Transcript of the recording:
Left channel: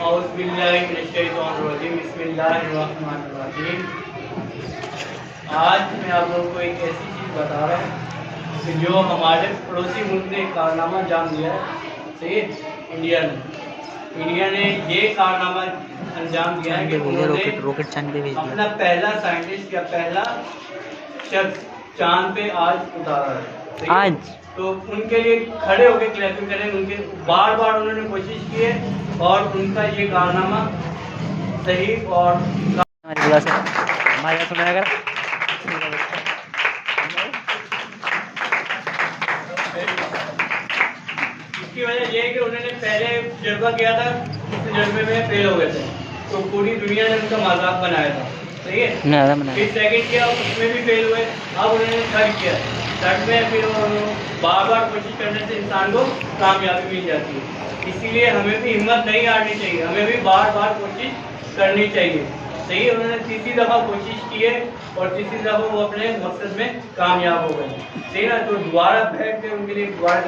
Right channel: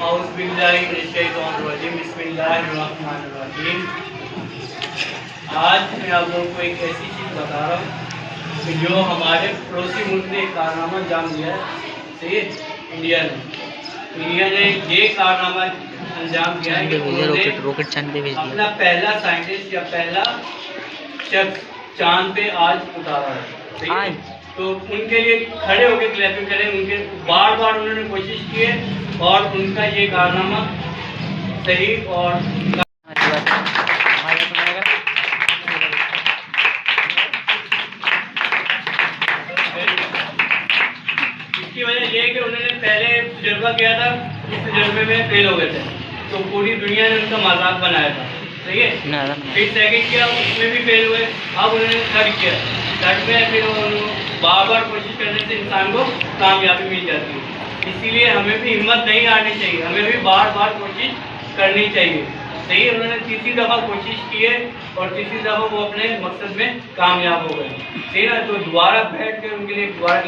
बिस्मिल्लाहिर्रहमानिर्रहीम। आज मैं आप लोगों को एक ऐसी चीज़ बता रहा हूँ कि जो हमारे पड़ोसी मुल्क ने एक कारनामा अंजाम दिया है, सही है। इंडिया ने ये कारनामा अंजाम दिया है कि रॉकेट चांद पे भेज दिया। अपना पहला साइंटिस्ट या पहला शख्स चांद पे आज उतारा है, सही है। तो उनके लिए खड़े होकर क्लैपिंग करें। उनके बार बार उन्होंने कोशिश की है और उनका ये कारनामा सही और इसकी वजह ये है कि उन्होंने पहले तजुर्बा किया था, उस तजुर्बे में फेल हो गए थे, तो पूरी दुनिया ने उनका मजाक बनाया था, सही है। फिर सेकंड किया, उसमें भी फेल हुए। अब उन्होंने थर्ड किया, थर्ड में फिर बार बार कोशिश करने से इंसान को कामयाबी मिल जाती है। इसीलिए हमें भी हिम्मत नहीं हारनी चाहिए, हमें भी बार बार कोशिश करनी चाहिए, सही है। उन्होंने तीसरी दफ़ा कोशिश की है और तीसरी दफ़ा वो अपने मकसद में कामयाब हो गए, सही ना। तो दोबारा बैठ के उनके लिए दोबारा